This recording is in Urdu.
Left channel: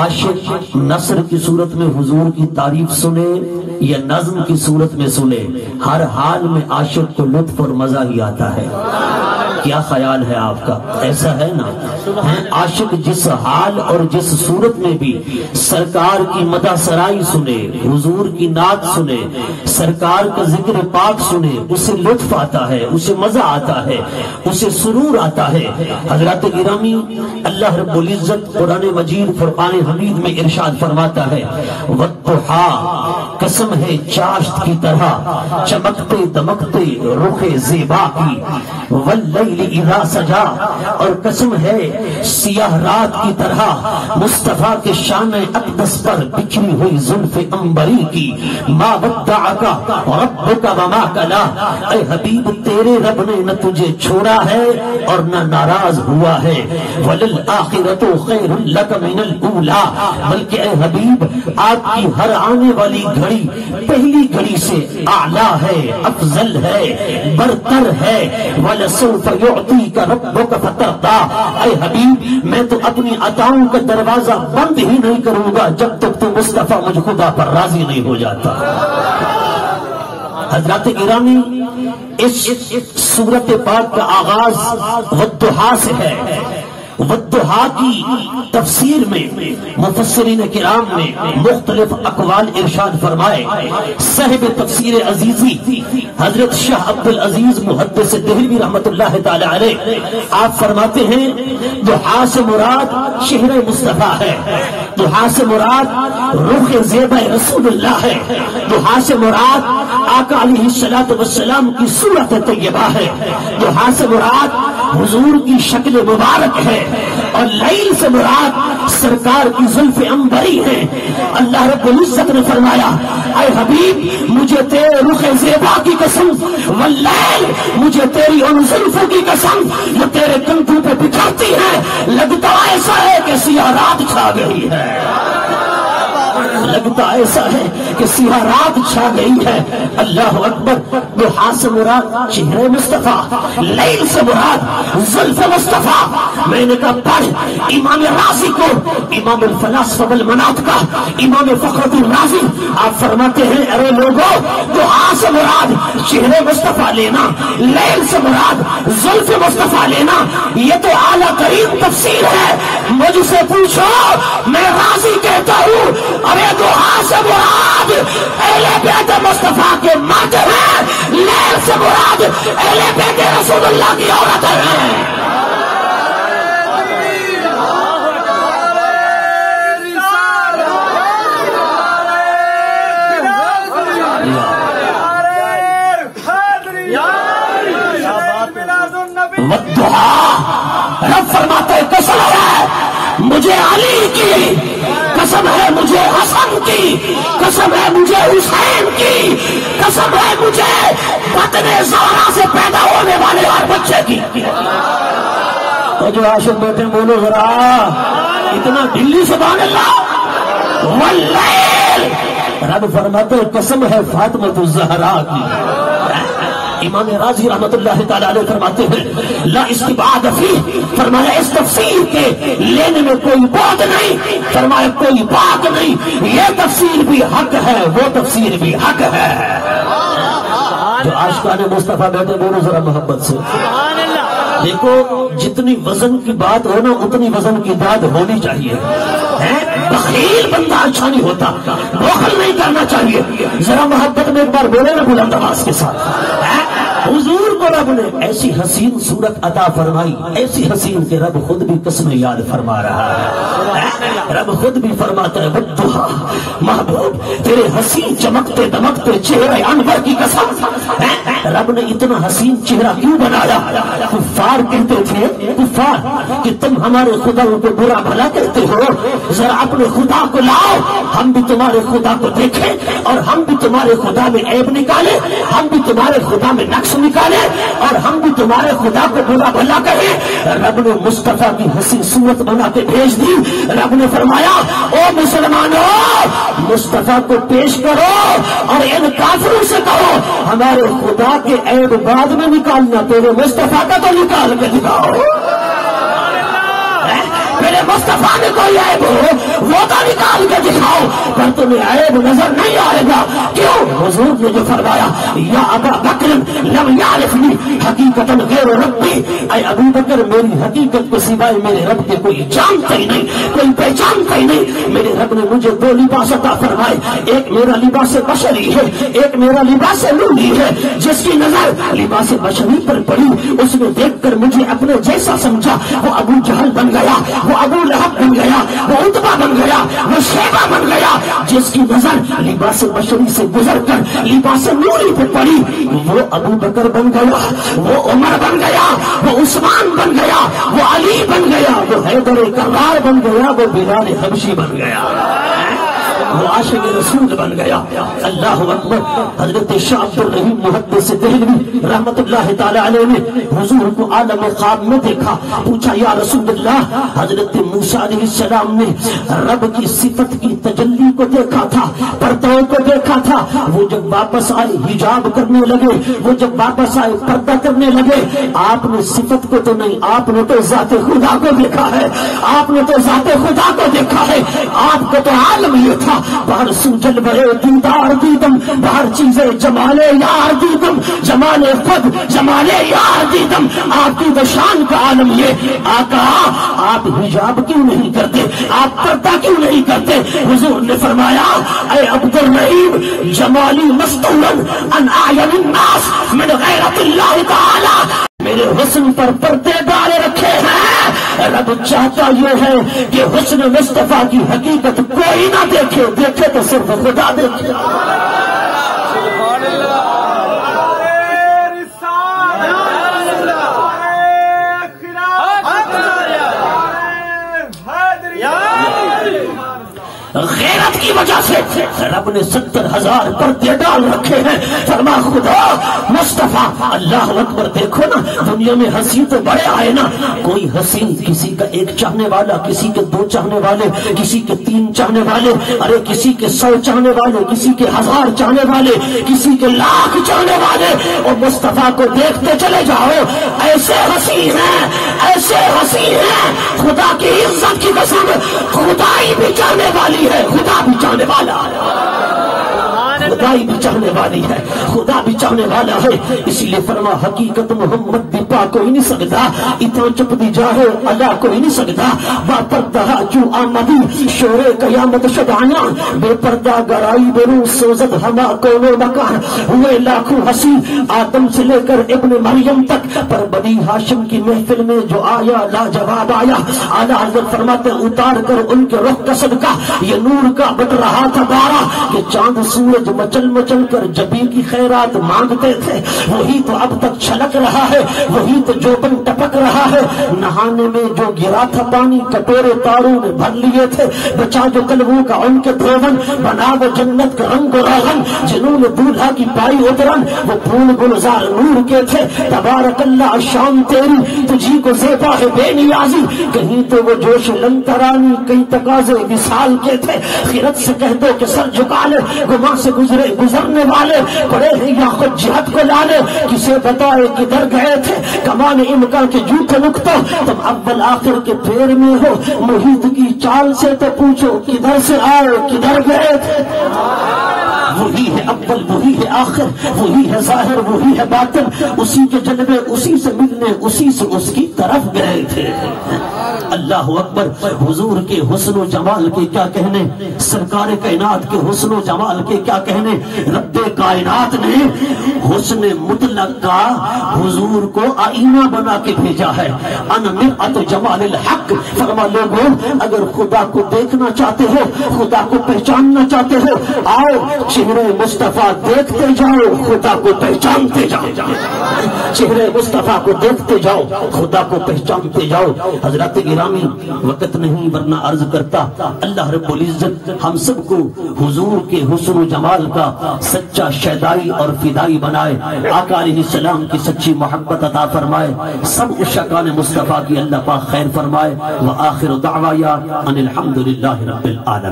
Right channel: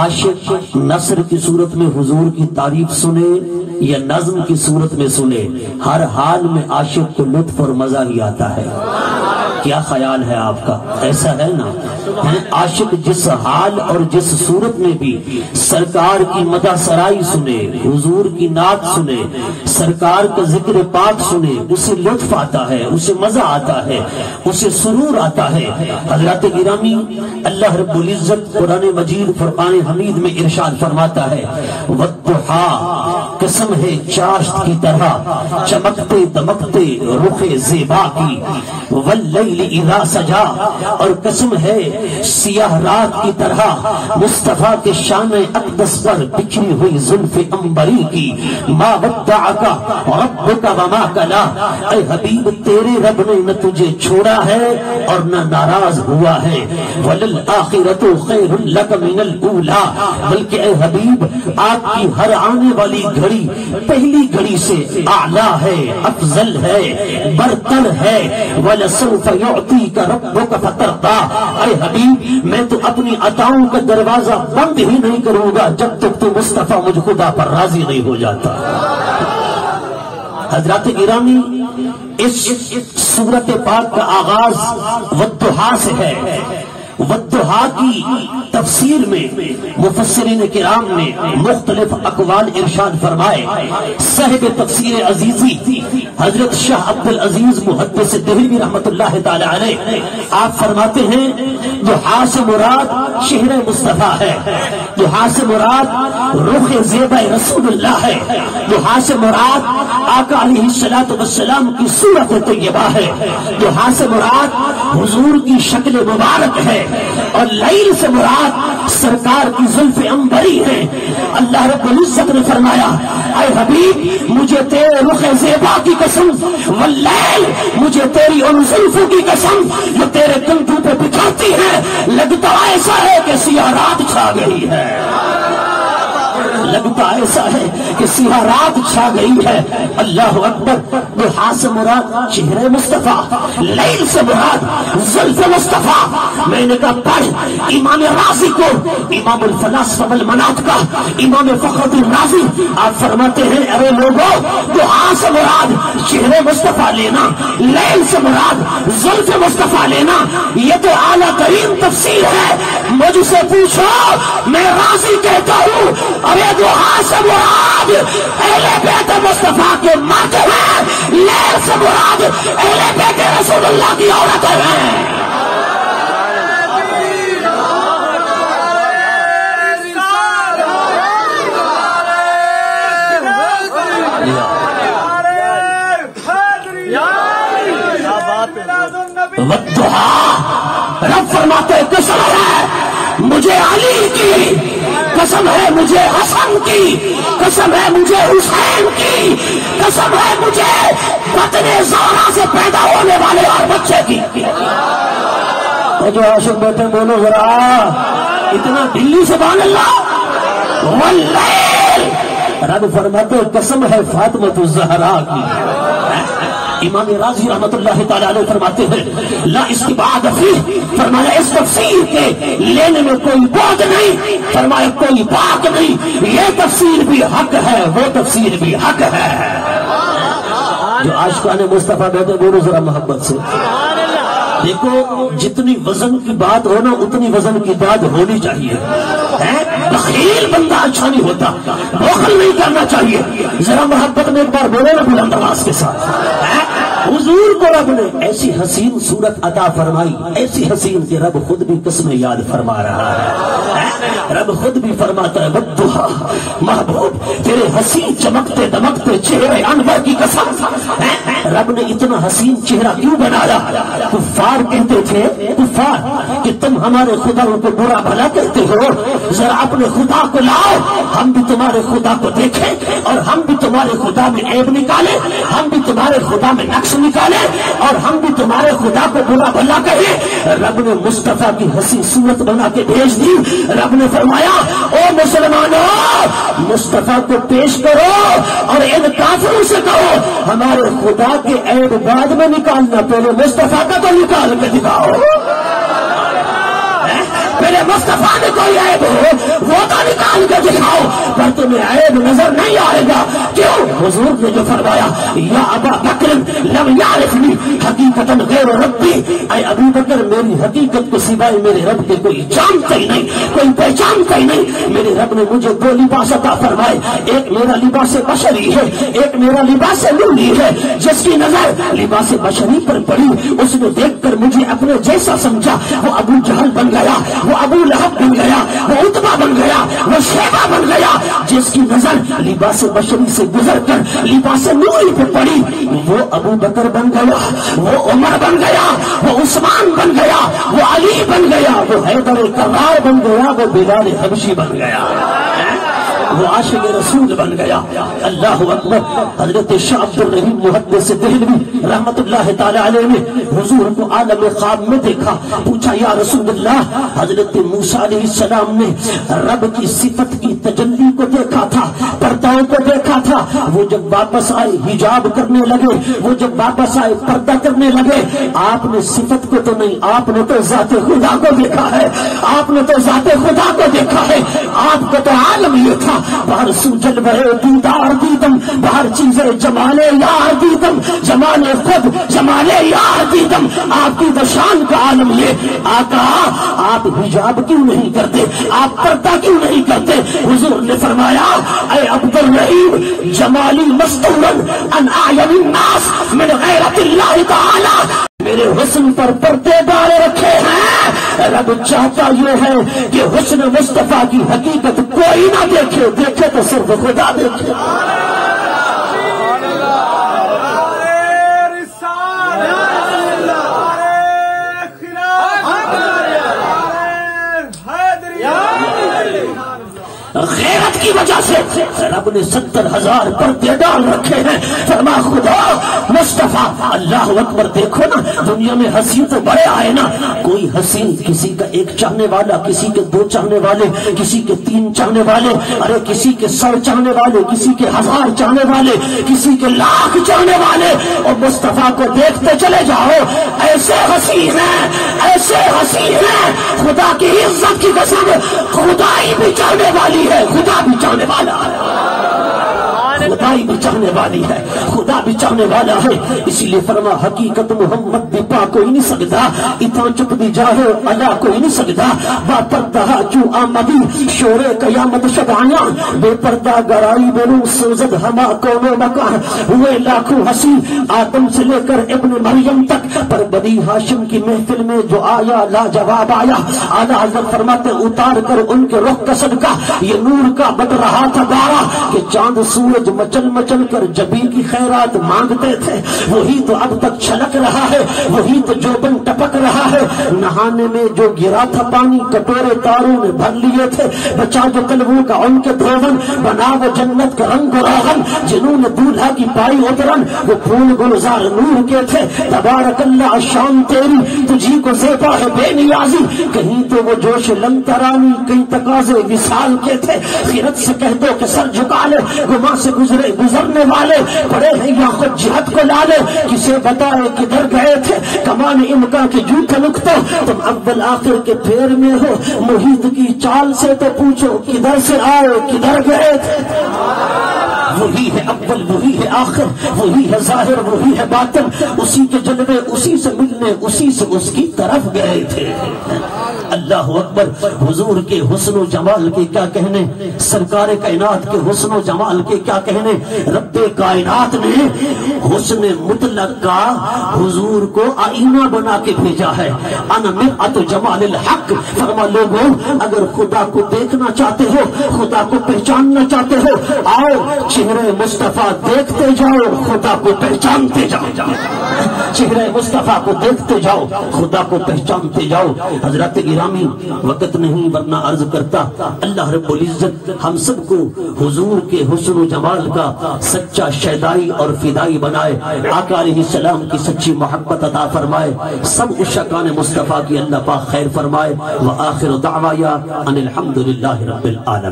عاشق نثر کی صورت میں حضور کی تعریف سنے یا نظم کی صورت میں سنے، ہر حال میں عاشق کو لطف اور مزہ ہی آتا ہے۔ کیا خیال ہے آپ کا؟ ایسا ہے نا؟ عاشق جس حال اور جس صورت میں بھی سرکار کی مدح سرائی سنے، حضور کی نعت سنے، سرکار کا ذکر پاک سنے، اسے لطف آتا ہے، اسے مزہ آتا ہے، اسے سرور آتا ہے۔ حضرات گرامی، اللہ رب العزت قرآن مجید فرقان حمید میں ارشاد فرماتا ہے، والضحیٰ، قسم ہے چاشت کی طرح چمکتے دمکتے رخ زیبا کی، واللیل اذا سجا، اور قسم ہے سیاہ رات کی طرح مصطفیٰ کے شان اقدس پر بکھری ہوئی زلف عنبری کی، ما ودعک ربک وما قلی، اے حبیب تیرے رب نے نہ تجھے چھوڑا ہے اور نہ ناراض ہوا ہے، وللآخرۃ خیر لک من الاولی، بلکہ اے حبیب آپ کی ہر آنے والی گھڑی پہلی گھڑی سے اعلیٰ ہے، افضل ہے، برتر ہے، وَلَسَوْفَ يُعْطِيكَ رَبُّكَ فَتَرْضَىٰ، اے حبیب میں تو اپنی عطاؤں کا دروازہ بند ہی نہیں کروں گا جب تک تو مصطفیٰ مجھ خدا پر راضی نہیں ہو جاتا۔ حضرات گرامی، اس سورت پاک کا آغاز والضحیٰ سے ہے۔ والضحیٰ کی تفسیر میں مفسرین کرام نے مختلف اقوال ارشاد فرمائے۔ صاحب تفسیر عزیزی حضرت شاہ عبد العزیز محدث دہلوی رحمۃ اللہ تعالی علیہ، آپ فرماتے ہیں ضحیٰ سے مراد شہر مصطفیٰ ہے، ضحیٰ سے مراد رخ زیبا رسول اللہ ہے، ضحیٰ سے مراد آقا علیہ الصلوۃ والسلام کی صورت طیبہ ہے، ضحیٰ سے مراد حضور کی شکل مبارک ہے، اور لیل سے مراد سرکار کی زلف عنبری ہے۔ اللہ رب العزت نے فرمایا، اے حبیب مجھے تیرے رخ زیبا کی قسم، واللیل مجھے تیری ان زلفوں کی قسم جو تیرے کنکھوں پہ بچھاتی ہے، لگتا ایسا ہے کہ سیاہ رات چھا گئی ہے، لگتا ایسا ہے کہ سیاہ رات چھا گئی ہے۔ اللہ اکبر۔ ضحیٰ سے مراد چہرے مصطفیٰ، لیل سے مراد زلف مصطفیٰ۔ میں نے کہا پڑھ امام رازی کو، امام الفلاسفہ والمناطق، امام فخر الدین رازی، آپ فرماتے ہیں ارے لوگوں، ضحیٰ سے مراد چہرے مصطفیٰ لینا، لیل سے مراد زلف مصطفیٰ لینا، یہ تو اعلیٰ ترین تفسیر ہے۔ مجھ سے پوچھو، میں رازی کہتا ہوں ارے ضحیٰ سے مراد اہل بیت مصطفیٰ کے مرد ہیں، لیل سے مراد اہل بیت رسول اللہ کی عورتیں ہیں۔ رب فرماتے قسم ہے مجھے علی کی، قسم ہے مجھے حسن کی، قسم ہے مجھے حسین کی، قسم ہے مجھے بطن زہرا سے پیدا ہونے والے ہر بچے کی۔ تو جو عاشق بیٹے بولے ذرا اتنا دلی سے بول اللہ، واللیل، رب فرماتے قسم ہے فاطمہ الزہرا کی۔ امام راضی رحمت اللہ تعالی علیہ فرماتے ہیں لا استبعاد فیہ، فرمایا اس تفسیر کے لینے میں کوئی بعد نہیں، فرمایا کوئی بات نہیں، یہ تفسیر بھی حق ہے، وہ تفسیر بھی حق ہے۔ جو عاشقان مصطفیٰ بیٹھے بولو ذرا محبت سے۔ دیکھو جتنی وزن کی بات ہو نا اتنی وزن کی بات ہونی چاہیے۔ بخیل بندہ اچھا نہیں ہوتا، بخل نہیں کرنا چاہیے۔ ذرا محبت میں ایک بار بولے نا بلند آواز کے ساتھ، حضور کو رب نے ایسی حسین صورت عطا فرمائی، ایسی حسین کہ رب خود بھی قسم یاد فرما رہا ہے۔ رب خود بھی فرماتا ہے والضحیٰ، محبوب تیرے حسین چمکتے دمکتے چہرے انور کی قسم۔ رب نے اتنا حسین چہرہ کیوں بنایا؟ کفار کہتے تھے، کفار کہ تم ہمارے خدا کو برا بھلا کرتے ہو، ذرا اپنے خدا کو لاؤ، ہم بھی تمہارے خدا کو دیکھیں اور ہم بھی تمہارے خدا میں عیب نکالیں، ہم بھی تمہارے خدا میں نقص نکالے اور ہم بھی تمہارے خدا کو برا بھلا کریں۔ رب نے مصطفیٰ کی حسین صورت بنا کے بھیج دی۔ رب نے فرمایا او مسلمانوں، مصطفیٰ کو پیش کرو اور ان کافروں سے کرو ہمارے خدا کے عیب بعد میں نکالنا، پہلے مصطفیٰ کا تو نکال کے دکھاؤ۔ میرے مصطفیٰ نے کوئی عیب ہو وہ تو عیب نظر نہیں آئے گا. کیوں؟ حضور نے جو فرمایا یا ابا بکر لم یعرفنی حقیقتا غیر ربی، اے ابو بکر میری حقیقت کو سوائے میرے رب کے کوئی جانتا ہی نہیں، کوئی پہچانتا ہی نہیں. میرے رب نے مجھے دو لباس عطا فرمائے، ایک میرا لباس بشری ہے، ایک میرا لباس نوری ہے. جس کی نظر لباس بشری پر پڑی اس نے دیکھ کر مجھے اپنے جیسا سمجھا، وہ ابو جہل بن گیا، وہ ابو لہب بن گیا، وہ عتبہ بن گیا، وہ شیبہ بن گیا. جس کی نظر لباس بشری سے گزر کر لباس نوری پر پڑی وہ ابو بکر بن گیا، وہ عمر بن گیا، وہ عثمان بن گیا، وہ علی بن گیا، وہ حیدر کرار بن گیا، وہ بلال حبشی بن گیا، وہ عاشق رسول بن گیا. اللہ اکبر. حضرت شاہ عبد الرحیم محدث دہلوی رحمت اللہ تعالی علیہ نے حضور کو عالم خواب میں دیکھا. پوچھا یا رسول اللہ، حضرت موسیٰ علیہ السلام نے رب کی صفت کی تجلی کو دیکھا تھا، پردے کو دیکھا تھا. وہ جب واپس آئے حجاب کرنے لگے، وہ جب واپس آئے پردہ کرنے لگے. آپ نے صفت کو تو نہیں، آپ نے تو ذات خدا کو دیکھا ہے، آپ نے تو ذات خدا کو دیکھا ہے. آپ کو تو عالم یہ تھا بہر سوجل بڑے دیدار دیدم، بہر چیزیں جمالے یار دیدم، جمالے خود جمالے یار دیدم. آپ کی تو شان کا عالم یہ. آقا آپ حجاب کیوں نہیں کرتے، آپ پردہ کیوں نہیں کرتے؟ حضور نے فرمایا اے عبد الرحیم جمالی مستون ان اعین الناس من غیرت اللہ تعالی، میرے حسن پر پردے ڈالے رکھے ہیں. رب چاہتا یہ ہے کہ حسن مصطفیٰ کی حقیقت کوئی نہ دیکھے، دیکھے تو صرف خدا دیکھے. غیرت کی وجہ سے رب نے 70,000 پردے ڈال رکھے ہیں. فرما خدا مصطفیٰ. اللہ اکبر. دیکھو نا دنیا میں ہنسی تو بڑے آئے نا. کوئی ہنسی کسی کا ایک چاہنے والا، کسی کے 2 چاہنے والے، کسی کے 3 چاہنے والے، ارے کسی کے 100 چاہنے والے، کسی کے 1000 چاہنے والے، کسی کے 1,00,000 چاہنے والے. اور مصطفیٰ کو دیکھتے چلے جاؤ. ایسے ہنسی ہیں، ایسے ہنسی ہیں. خدا کی عزت کی قسم خدا ہی بھی چاہنے والی ہے، خدا بھی چاہنے والا ہے، خدائی بھی چاہنے والی ہے، خدا بھی چاہنے والا ہے. اس لیے فرما حقیقت محمد بھی پا کوئی نہیں سکتا، اتنا چپ دی جاہے اللہ کوئی نہیں سکتا. با پردہ جو آمدی شور قیامت شبانہ، بے پردہ گرائی برو سوزد ہما کون مکر. ہوئے لاکھوں ہنسی آدم سے لے کر ابن مریم تک، پر بنی ہاشم کی محفل میں جو آیا لاجواب آیا. اعلیٰ حضرت فرماتے اتار کر ان کے رخ کا صدقہ یہ نور کا بٹ رہا تھا پیارا. کہ چاند سورج مچل مچل کر جبی کی خیرات مانگتے تھے، وہی تو اب تک چھلک رہا ہے، وہی تو جوبن ٹپک رہا ہے. نہانے میں جو گرا تھا پانی کٹورے تاروں نے بھر لیے تھے. بچا جو قلبوں کا ان کے بھیجن، بنا وہ جنت کا رنگ روغن. جنہوں نے دولہا کی پائی ادرن وہ پھول گلزار نور کے تھے. تبارک اللہ شان تیری تجھی کو زیبا ہے بے نیازی. کہیں تو وہ جوش لنترانی، کئی تقاضے مثال کے تھے. خیرت سے کہہ دو کہ سر جھکا لے، گما سے گزرنے والے بڑے ہیں یا خود جہت کو لالے. کسے بتائے کدھر گئے تھے کمان امکان کے جھوٹے نکتے. تم اول آخر کے پھیر میں ہو، محیط کی چال سے تو پوچھو کدھر سے آئے کدھر گئے تھے. وہی ہے اول، وہی ہے آخر، وہی ہے ظاہر، وہی ہے باطن. اسی کے جلوے اسی سے ملنے، اسی سے اس کی طرف گئے تھے. اللہ اکبر. حضور کے حسن و جمال کے کیا کہنے، سرکار کائنات کے حسن و جمال کے کیا کہنے. رب کائنات نے حسن مطلق کا حضور کو آئینہ بنا کے بھیجا ہے. ان مرآت جمال الحق. فرما لوگوں اگر خدا کو دیکھنا چاہتے ہو، خدا کو پہچاننا چاہتے ہو، آؤ چہرے مصطفیٰ دیکھتے جاؤ، خدا کو پہچانتے جاؤ. چہرے مصطفیٰ کو دیکھتے جاؤ، خدا کو پہچانتے جاؤ. حضرات گرامی وقت نہیں ورنہ عرض کرتا. اللہ رب العزت ہم سب کو حضور کے حسن و جمال کا سچا شیدائی اور فدائی بنائے. آقا علیہ السلام کی سچی محبت عطا فرمائے. سب عشاقان مصطفیٰ کی اللہ پاک خیر فرمائے. وآخر دعوایا ان الحمدللہ رب العالمین.